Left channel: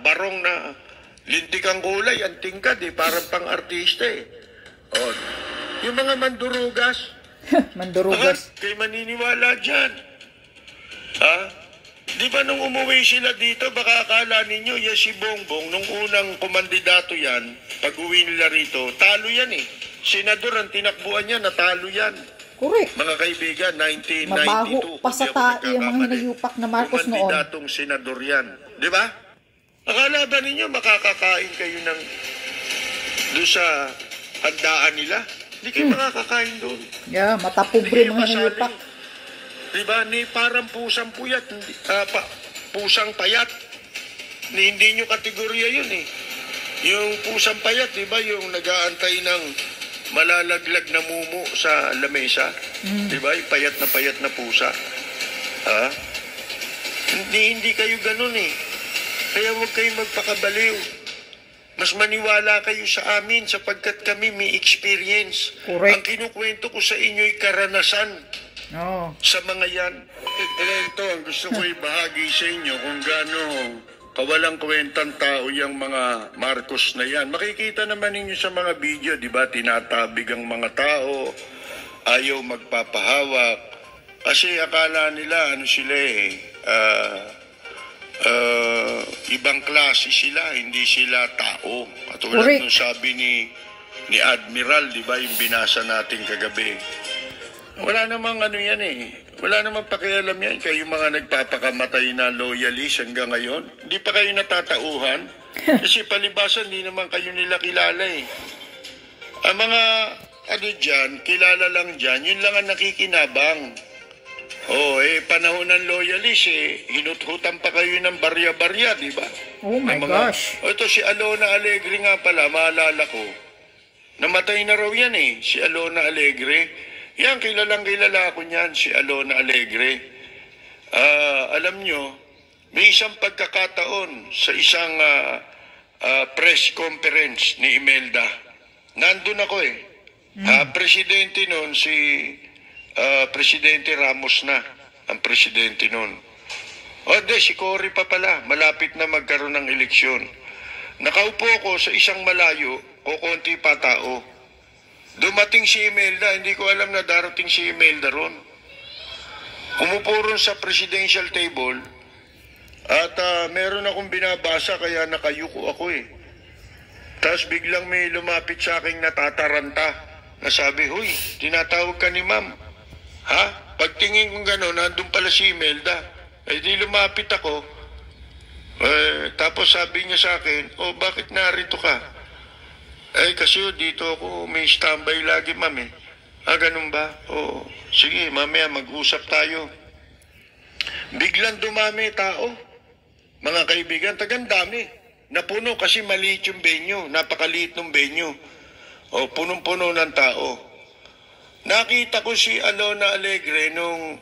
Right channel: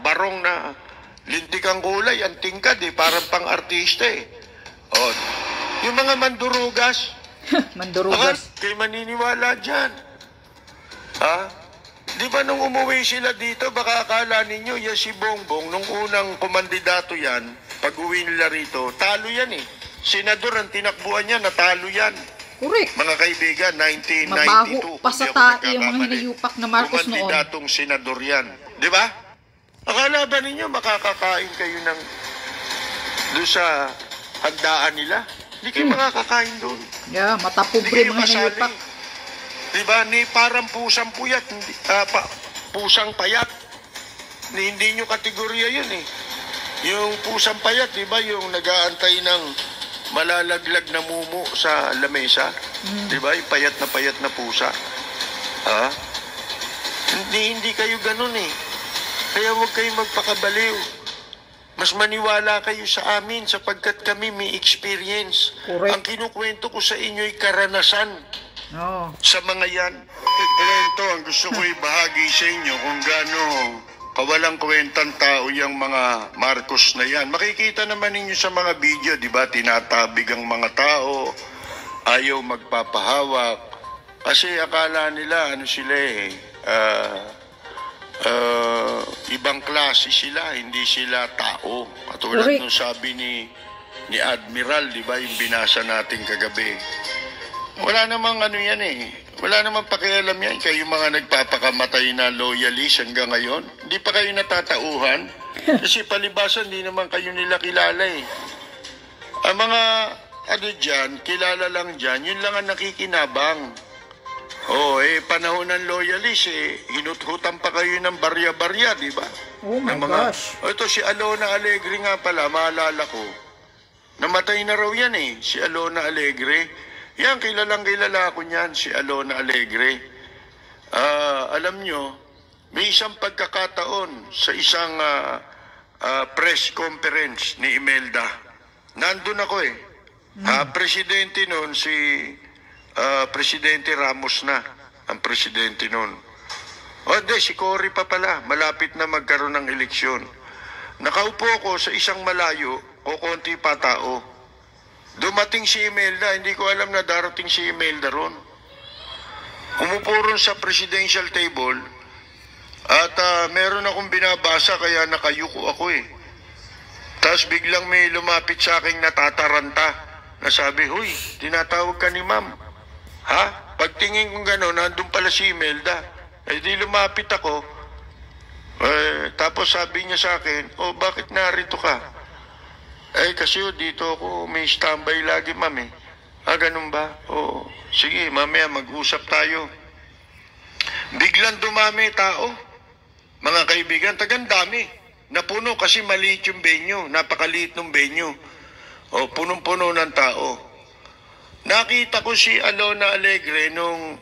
barong na lintik ang kulay, ang tingkad parang pang-artista O, yung mga mandurugas. Mandurugas. Kayo maniniwala dyan. Di ba nung umuwi sila dito, baka akala ninyo, yan si Bongbong, nung unang kumandidato yan, pag uwi nila rito, talo yan Senador ang tinakbuhan niya, natalo yan. Correct. Mga kaibigan, 1992. Mabaho pa sa tayo yung mga hinayupak na Marcos noon. Kumandidatong senador yan. Di ba? Akala ba ninyo makakakain kayo ng doon sa handaan nila? Hindi kayo makakakain doon. Yeah, matapobre mga hinayupak. Di ba? Ni parang pusang puyat, pusang payat. Hindi nyo kategorya yun Yung pusang payat, di ba? Yung nag-aantay ng malalaglag na mumu sa lamesa. Di ba? Yung payat na pusa. Hindi kayo ganun Kaya huwag kayong magpakabaliw. Mas maniwala kayo sa amin sapagkat kami may experience. Correct. Ang kinukwento ko sa inyo'y karanasan. Sa mga yan. Ito, ang gusto ko ibahagi sa inyo kung gaano kawalang kwentang tao yung mga Marcos na yan. Makikita naman ninyo sa mga video, di ba? Tinatabig ang mga tao, ayaw magpapahawak. Kasi akala nila, sila ibang klase sila, hindi sila tao. Katulad nung sabi ni Admiral, di ba? Yung binasa natin kagabi. Wala namang yan Wala namang pakialam yan. Kayo mga nagpapakamatay na loyalist hanggang ngayon. Hindi pa kayo natatauhan. Kasi palibasan, hindi naman kayo nila kilala Ang mga dyan, kilala lang dyan, yun lang ang nakikinabang. Panahon ng loyalist hinuthutan pa kayo ng barya-barya, di ba? Oh my gosh. Ito si Alona Alegre nga pala, maalala ko. Namatay na raw yan si Alona Alegre. Yan, kilala ako niyan, si Alona Alegre. Alam nyo, may isang pagkakataon sa isang press conference ni Imelda. Nandun ako Presidente noon, si Presidente Ramos na, ang presidente noon. Si Cory pa pala, malapit na magkaroon ng eleksyon. Nakaupo ko sa isang malayo, konti pa tao. Dumating si Imelda, hindi ko alam na darating si Imelda ron. Umupo ron sa presidential table at meron akong binabasa kaya nakayuko ako Tapos biglang may lumapit sa akin natataranta na sabi, "Huy, tinatawag ka ni ma'am." Pagtingin kong gano'n, nandun pala si Imelda. Di lumapit ako. Tapos sabi niya sa akin, bakit narito ka? Kasi dito ako may standby lagi, ma'am ganun ba? Sige, mamaya mag-usap tayo. Biglang dumami tao. Mga kaibigan, dami. Napuno kasi maliit yung venue. Napakaliit ng venue. Punong-puno ng tao. Nakita ko si Alona Alegre nung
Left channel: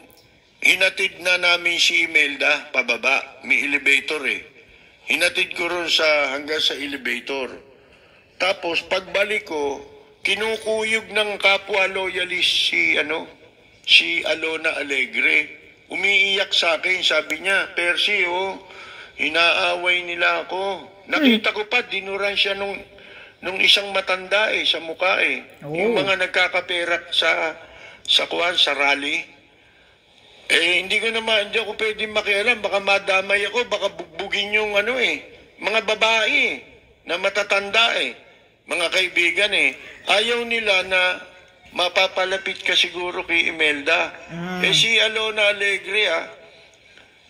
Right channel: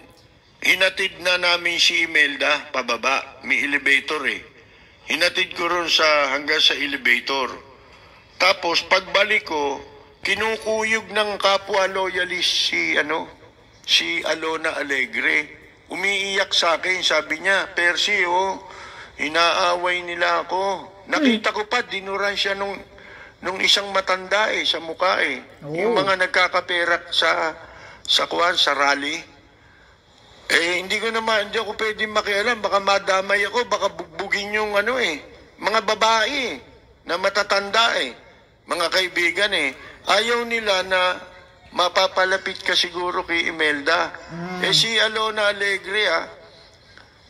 hinatid na namin si Imelda pababa. May elevator Hinatid ko ron hanggang sa elevator. Tapos pagbalik ko, kinukuyog ng kapwa loyalist si Alona Alegre. Umiiyak sa akin, sabi niya, "Percy, inaaway nila ako." Nakita ko pa, dinuran siya nung isang matanda sa mukha Yung mga nagkakaperak sa rally. Hindi ako pwedeng makialam, baka madamay ako, baka bugbugin yung mga babae na matatanda Mga kaibigan ayaw nila na mapapalapit ka siguro kay Imelda. Si Alona Alegre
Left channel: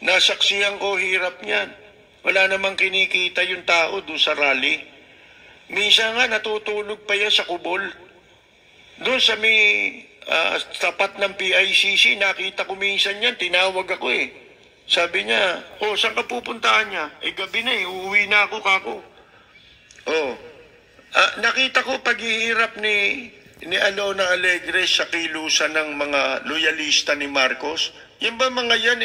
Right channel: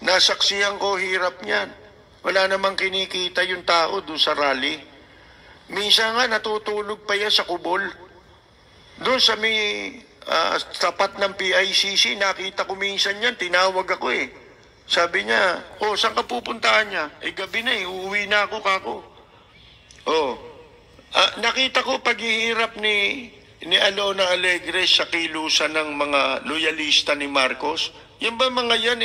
nasaksihan ko hirap niyan. Wala namang kinikita yung tao doon sa rally. Minsan nga natutulog pa yan sa kubol. Doon sa may tapat ng PICC, nakita ko minsan yan, tinawag ako Sabi niya, saan ka pupuntahan niya? Gabi na uuwi na ako kako. Nakita ko paghihirap ni Alona Alegre sa kilusan ng mga loyalista ni Marcos. Yan ba mga yan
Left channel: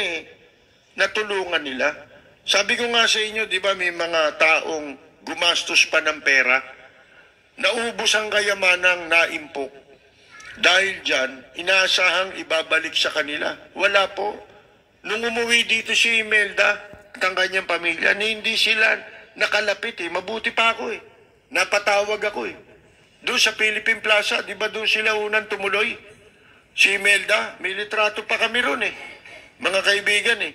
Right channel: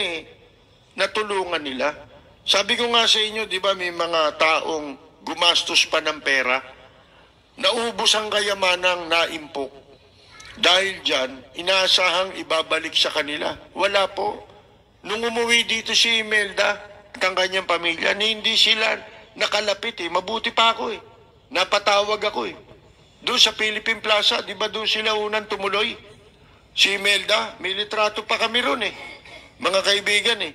natulungan nila? Sabi ko nga sa inyo, di ba may mga taong gumastos pa ng pera, naubos ang kayamanang naimpok. Dahil dyan, inaasahang ibabalik sa kanila. Wala po. Nung umuwi dito si Imelda at ang kanyang pamilya, hindi sila nakalapit eh. Mabuti pa ako eh. Napatawag ako eh. Doon sa Philippine Plaza, di ba doon sila unang tumuloy? Si Imelda, may litrato pa kami ron eh. Mga kaibigan eh.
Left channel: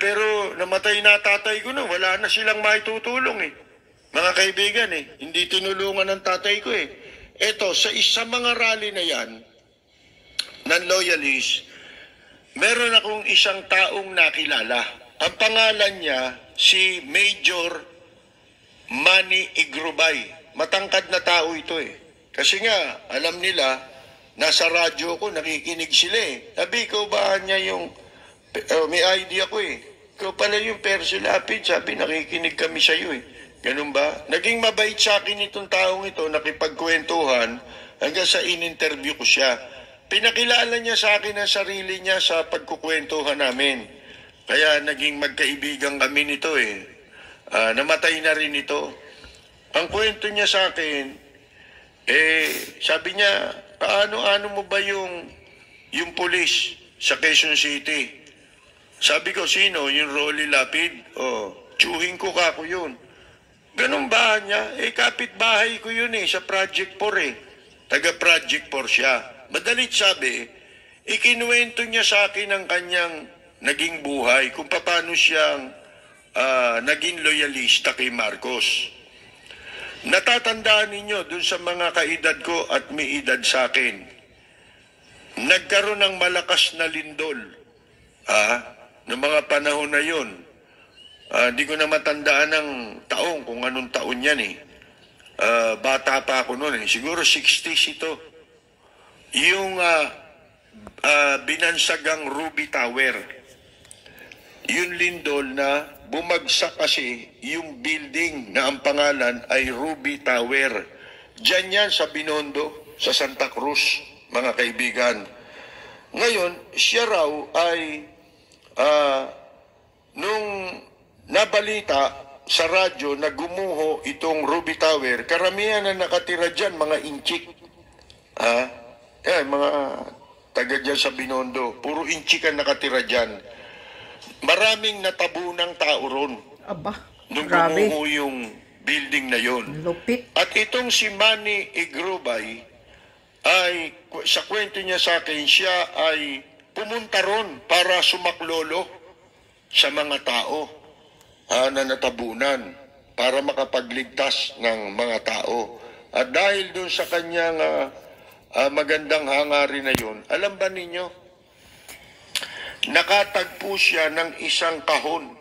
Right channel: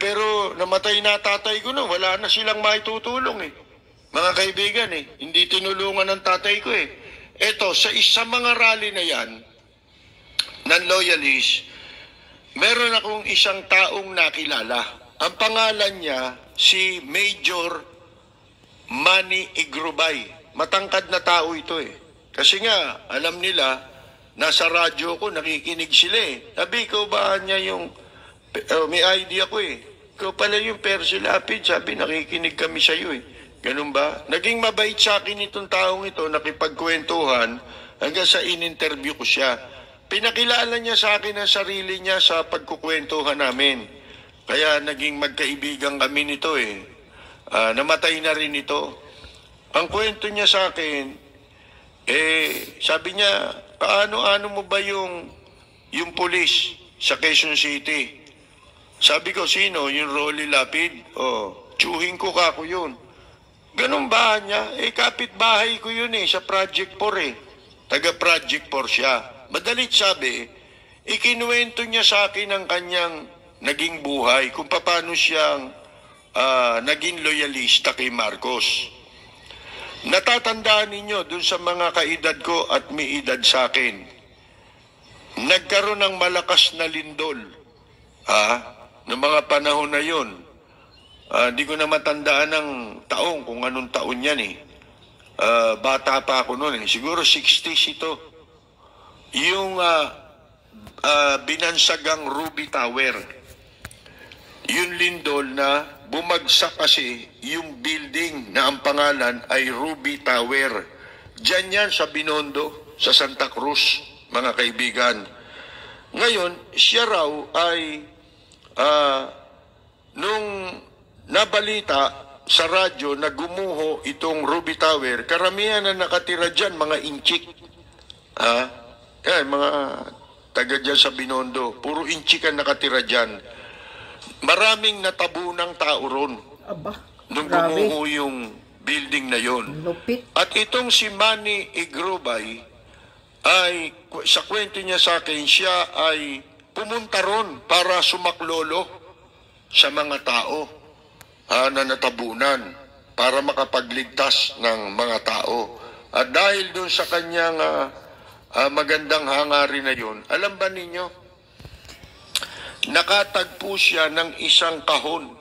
Pero namatay na tatay ko na, wala na silang maitutulong eh. Mga kaibigan eh, hindi tinulungan ng tatay ko eh. Eto, sa isang mga rally na yan, ng loyalist, meron akong isang taong nakilala. Ang pangalan niya, si Major Manny Igrubay. Matangkad na tao ito eh. Kasi nga, alam nila, nasa radyo ko, nakikinig sila eh. Sabi, ikaw ba niya yung, may idea ko eh. Ikaw pala yung Percy Lapid, sabi, nakikinig kami sa iyo eh. Ganun ba? Naging mabait sa akin itong taong ito, nakipagkwentuhan, hanggang sa in-interview ko siya. Pinakilala niya sa akin ang sarili niya sa pagkukwentuhan namin. Kaya naging magkaibigan kami nito eh. Namatay na rin ito. Ang kwento niya sa akin, sabi niya, paano mo ba yung pulis sa Quezon City? Sabi ko, sino? Yung Rolly Lapid? Tsuhin ko kako yun. Ganun ba niya? Kapitbahay ko yun sa Project 4 eh. Taga Project 4 siya. Madalit sabi, ikinuwento niya sa akin ang kanyang naging buhay, kung paano siyang naging loyalista kay Marcos. Natatandaan ninyo dun sa mga kaedad ko at may edad sa akin, nagkaroon ng malakas na lindol ng mga panahon na yun. Di ko na matandaan ng taong, kung anong taon yan eh. Bata pa ako noon eh. Siguro 60s ito. Yung binansagang Ruby Tower. Yung lindol na bumagsak kasi yung building na ang pangalan ay Ruby Tower. Diyan yan sa Binondo, sa Santa Cruz, mga kaibigan. Ngayon, siya raw ay nung nabalita sa radyo na gumuho itong Ruby Tower, karamihan na nakatira dyan, mga inchik. Mga taga dyan sa Binondo, puro inchik ang nakatira dyan. Maraming natabunang tao ron. Aba, nung grabe. gumuho yung building na yon. Lupit. At itong si Manny Igrubay, ay, sa kwento niya sa akin, siya ay pumunta ron para sumaklolo sa mga tao na natabunan para makapagligtas ng mga tao. At dahil doon sa kanyang magandang hangarin na yun, alam ba ninyo, nakatagpo siya ng isang kahon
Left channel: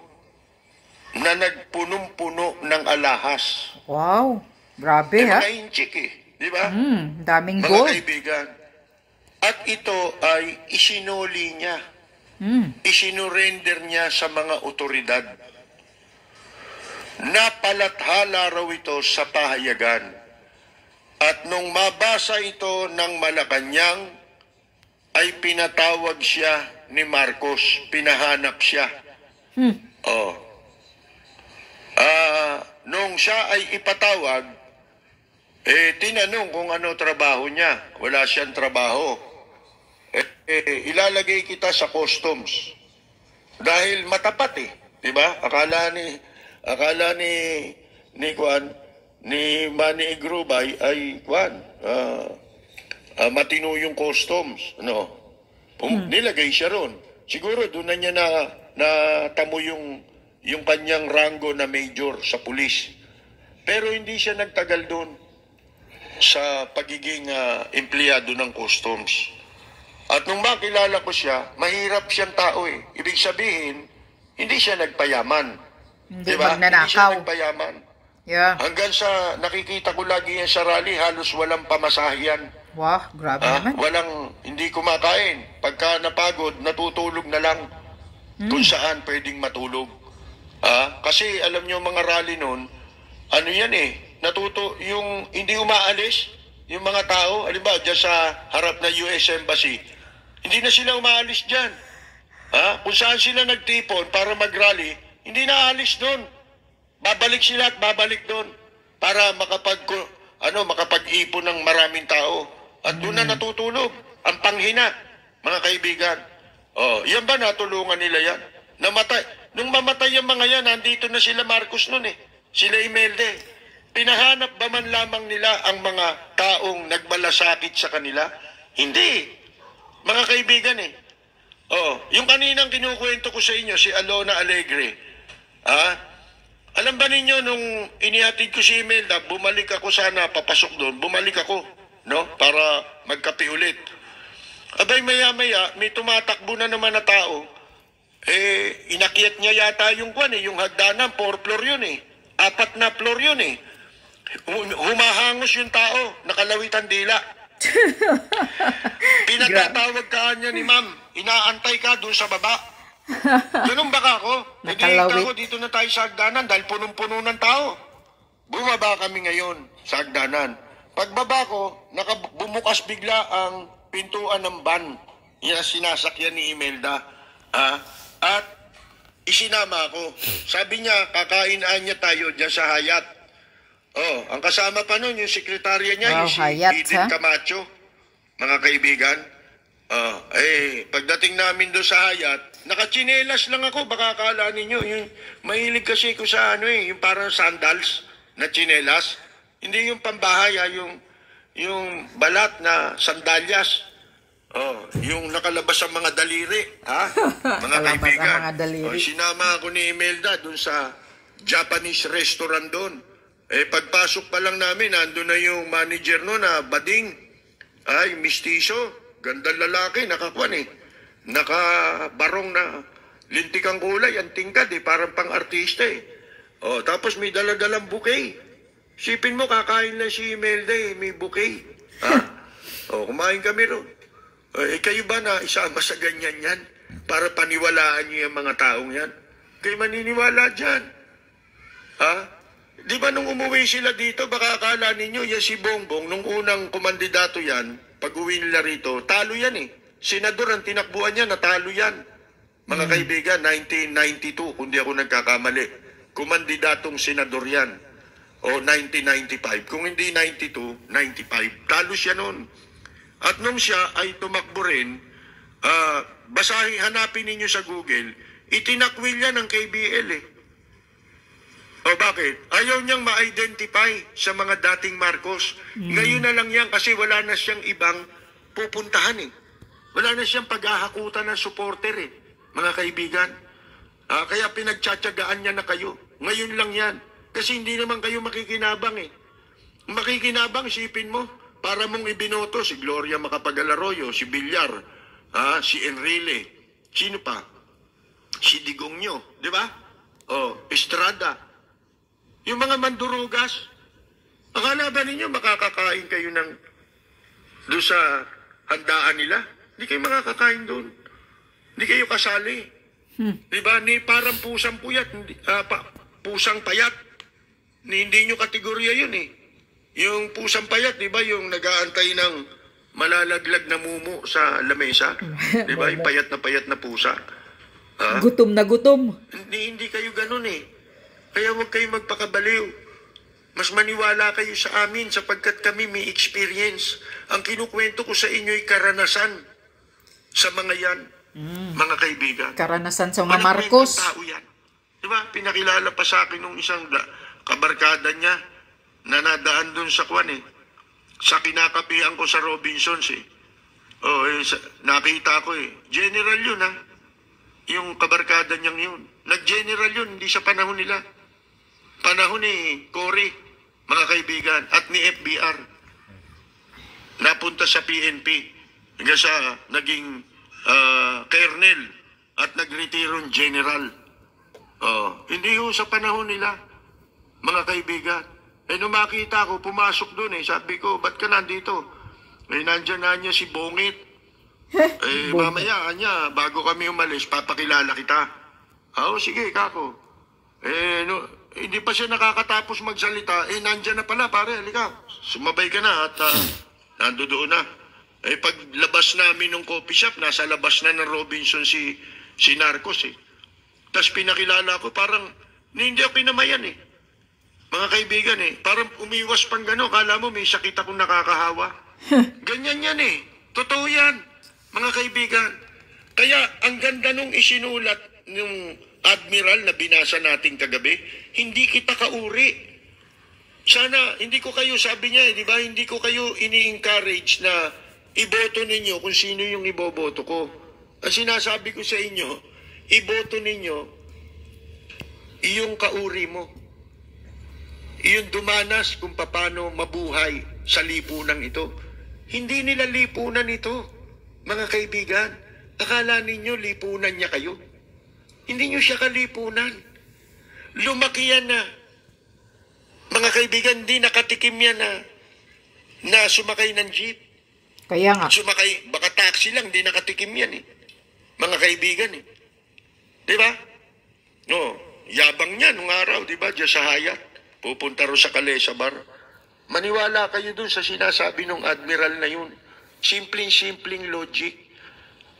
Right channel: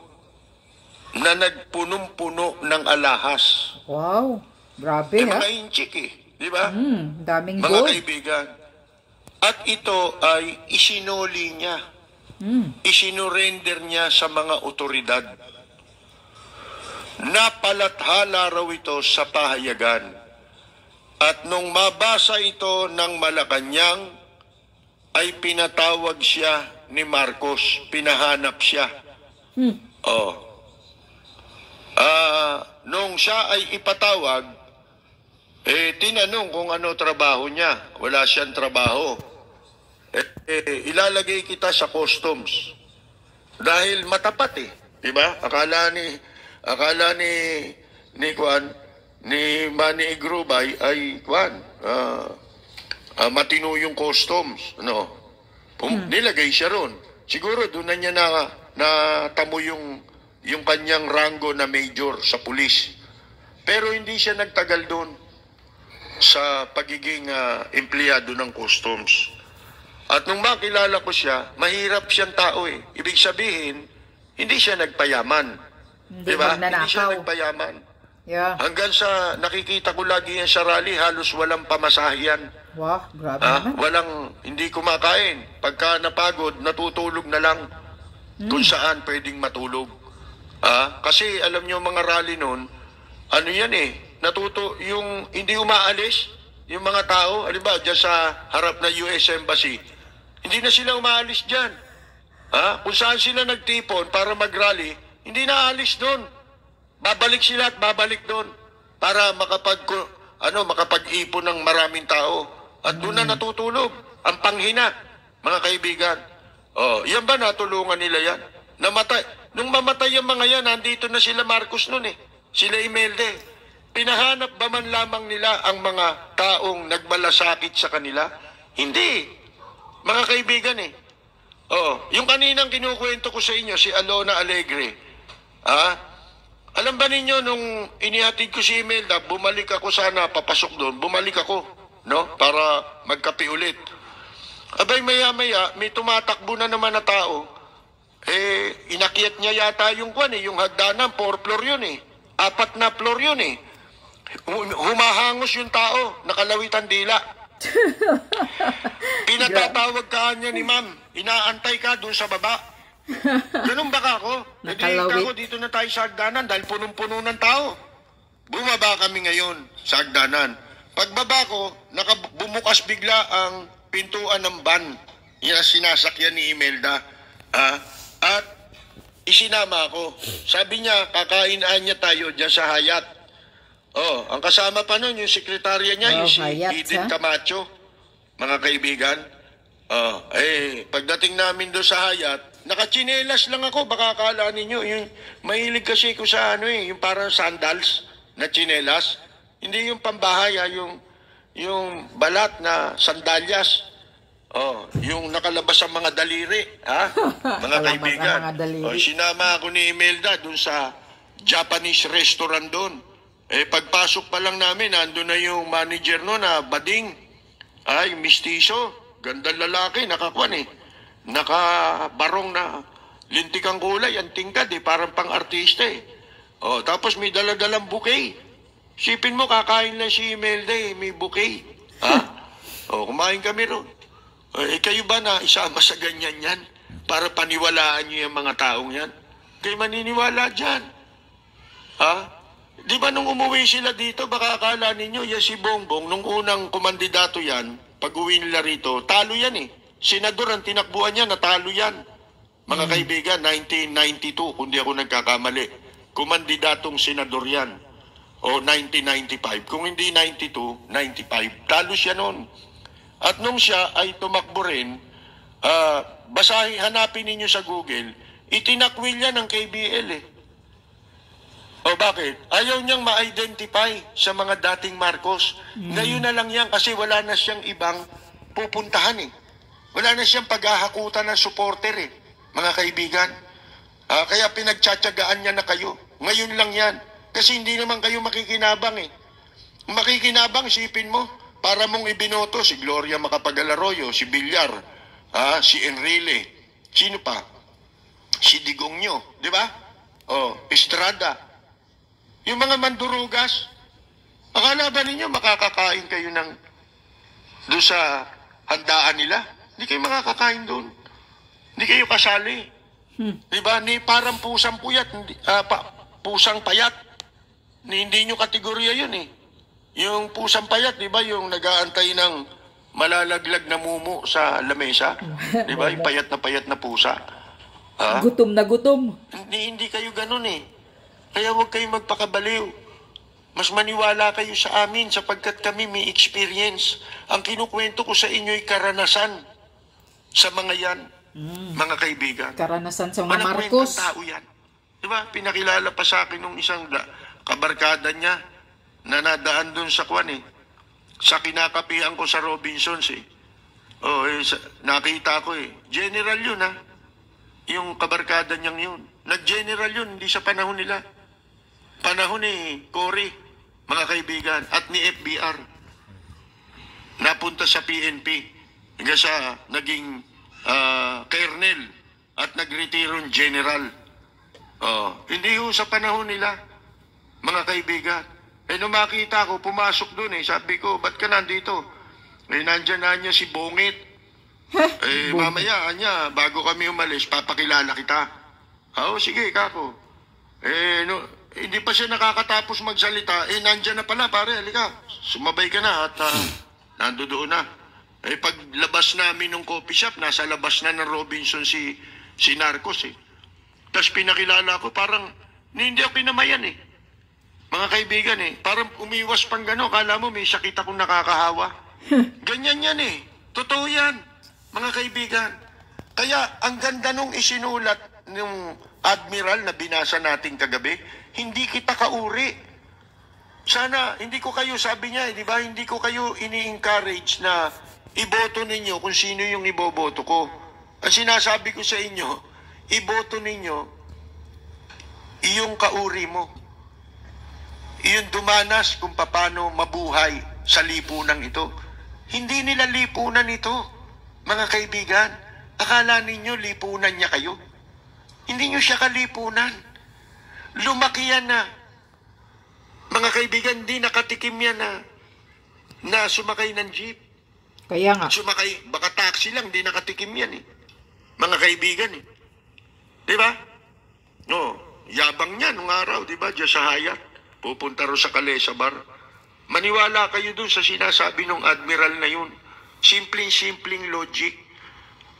na nagpunong-puno ng alahas. Wow, grabe ha? Mga inchik eh, di ba? Daming mga gold. Kaibigan. At ito ay isinuli niya. Isinurrender niya sa mga otoridad. Napalathala raw ito sa pahayagan. At nung mabasa ito ng Malacanang, ay pinatawag siya ni Marcos. Pinahanap siya. Nung siya ay ipatawag, tinanong kung ano trabaho niya. Wala siyang trabaho. Ilalagay kita sa customs. Dahil matapat eh. Diba? Akala ni Manny Igrubay ay matino yung customs. Nilagay siya ron. Siguro doon na niya natamo yung kanyang rango na major sa pulis. Pero hindi siya nagtagal doon sa pagiging empleyado ng customs. At nung makilala ko siya, mahirap siyang tao eh. Ibig sabihin, hindi siya nagpayaman. Hindi diba? magnanakaw. Hindi siya nagpayaman. Yeah. Hanggang sa nakikita ko lagi yan sa rally, halos walang pamasahiyan. Wah, grabe naman. Hindi kumakain. Pagka napagod, natutulog na lang kung saan pwedeng matulog. Kasi alam nyo mga rally noon, ano yan eh, yung hindi umaalis, yung mga tao, halimbawa dyan sa harap na US Embassy, hindi na sila umaalis dyan. Kung saan sila nagtipon para mag-rally, hindi na aalis doon. Babalik sila at babalik doon para makapag-ipon ng maraming tao. At doon na natutulog. Ang panghina, mga kaibigan. Yan ba natulungan nila yan? Nung mamatay yung mga yan, nandito na sila Marcos noon eh. sila Imelda. Pinahanap ba man lamang nila ang mga taong nagmalasakit sa kanila? Hindi. Mga kaibigan yung kaninang kinukwento ko sa inyo, si Alona Alegre. Alam ba ninyo, nung inihatid ko si Imelda, bumalik ako sana, papasok doon, bumalik ako, no? Para magkape ulit. Abay, maya-maya, may tumatakbo na naman na tao. Inakyat niya yata yung yung hagdanan, 4 floor yun 4 na floor yun Humahangos yung tao, nakalawitan dila. Pinagtatawag ka niya ni ma'am, inaantay ka doon sa baba. Ganun baka ako? Nakalawit. Ako, dito na tayo sa hagdanan dahil punong-puno ng tao. Bumaba kami ngayon sa hagdanan. Pagbaba ko, bumukas bigla ang pintuan ng van. Yan ang sinasakyan ni Imelda. At isinama ako. Sabi niya, kakainaan niya tayo dyan sa Hayat. Ang kasama pa nun, yung sekretarya niya, yung si Hayat, Eden Camacho, mga kaibigan. Pagdating namin doon sa Hayat, nakachinelas lang ako, baka akala ninyo, yung mahilig kasi ko sa yung parang sandals na chinelas. Hindi yung pambahay, yung balat na sandalyas. Yung nakalabas ang mga daliri, mga kaibigan. Mga daliri. Sinama ako ni Imelda doon sa Japanese restaurant doon. Pagpasok pa lang namin, nandun na yung manager no na bading. Mistiso. Gandang lalaki, nakakuan nakabarong na lintikang kulay, ang tingkad parang pang-artista tapos may daladalang bouquet. Sipin mo, kakain lang si Imelda may bouquet. Kumain kami ron. Kayo ba na isama sa ganyan yan? Para paniwalaan niyo yung mga taong yan? Kayo maniniwala dyan. Di ba nung umuwi sila dito, baka akala ninyo, si Bongbong, nung unang kumandidato yan, pag-uwi nila rito, talo yan Senador ang tinakbuhan niya, natalo yan. Mga kaibigan, 1992, kung di ako nagkakamali. Kumandidatong senador yan. O 1995. Kung hindi 92, 95. Talo siya noon. At nung siya ay tumakbo rin, hanapin ninyo sa Google, itinakwil yan ng KBL bakit? Ayaw niyang ma-identify sa mga dating Marcos. Ngayon na lang yan kasi wala na siyang ibang pupuntahan Wala na siyang paghahakutan ng supporter mga kaibigan. Kaya pinagtsatsagaan niya na kayo. Ngayon lang yan. Kasi hindi naman kayo makikinabang Makikinabang, sipin mo, para mong ibinoto si Gloria Macapagal-Arroyo, si Villar, si Enrile, sino pa? Si Digongyo, di ba? Estrada. Yung mga mandurugas, akala ba ninyo makakakain kayo doon sa handaan nila? Hindi kayo makakakain doon. Hindi kayo kasali. Diba? Parang pusang puyat, pusang payat. Hindi nyo kategorya yun Yung pusang payat, diba? Yung nag-aantay ng malalaglag na mumu sa lamesa. Diba? Yung payat na pusa. Gutom na gutom. Hindi kayo ganun Kaya huwag kayong magpakabaliw. Mas maniwala kayo sa amin sapagkat kami may experience. Ang kinukwento ko sa inyo'y karanasan sa mga yan, mga kaibigan. Karanasan sa mga Marcos. Tao yan. Diba? Pinakilala pa sa akin nung isang kabarkada niya na nadaan dun sa sa kinakapihan ko sa Robinsons nakita ko General yun yung kabarkada niyang yun. Nag-general yun, hindi sa panahon nila. Panahon ni Cory, mga kaibigan, at ni FBR. Napunta sa PNP. Hanggang sa naging colonel at nagretirong general. Hindi sa panahon nila, mga kaibigan. Nung makita ko, pumasok doon sabi ko, ba't ka nandito? Nandyan na niya si Bongit. Mamaya, bago kami umalis, papakilala kita. Sige, kako. Hindi pa siya nakakatapos magsalita. Nandyan na pala, pare, halika. Sumabay ka na at nandoon na. Paglabas namin ng coffee shop, nasa labas na ng Robinson si Narcos Tapos pinakilala ko, parang hindi ako pinamayan Mga kaibigan parang umiwas pang gano'n. Kala mo may sakit akong nakakahawa. Ganyan yan Totoo yan, mga kaibigan. Kaya ang ganda nung isinulat nung admiral na binasa natin kagabi, hindi kita kauri. Sana, hindi ko kayo, sabi niya, di ba, hindi ko kayo ini-encourage na iboto ninyo kung sino yung iboboto ko. Ang sinasabi ko sa inyo, iboto ninyo iyong kauri mo. Iyong dumanas kung paano mabuhay sa lipunan ito. Hindi nila lipunan ito, mga kaibigan. Akala ninyo lipunan niya kayo. Hindi nyo siya kalipunan. Lumaki yan na. Mga kaibigan, hindi nakatikim yan na sumakay ng jeep. Kaya nga. Sumakay, baka taxi lang, hindi nakatikim yan eh. Mga kaibigan eh. Di ba? No, yabang niya nung araw, di ba? Diyan sa Hayat. Pupunta ro sa Calesa Bar. Maniwala kayo dun sa sinasabi ng admiral na yun. Simpleng logic.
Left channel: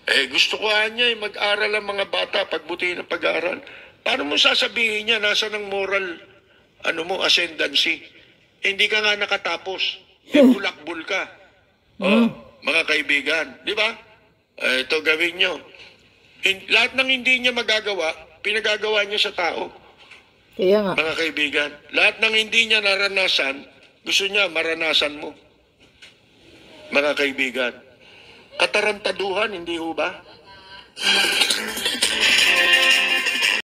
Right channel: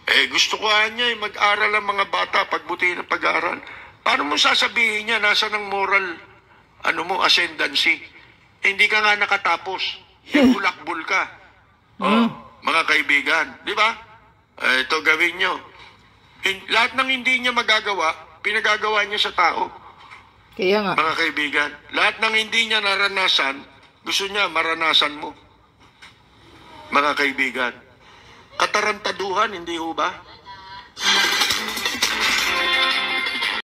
Gusto ko niya mag-aral ang mga bata, pagbuti ng pag-aaral. Paano mo sasabihin niya, nasa ng moral, ascendancy? Hindi ka nga nakatapos. Bulakbul ka. Mga kaibigan. Di ba? Ito gawin nyo. Lahat ng hindi niya magagawa, pinagagawa niya sa tao. Kaya nga. Mga kaibigan, lahat ng hindi niya naranasan, gusto niya maranasan mo. Mga kaibigan, katarantaduhan, hindi ho ba?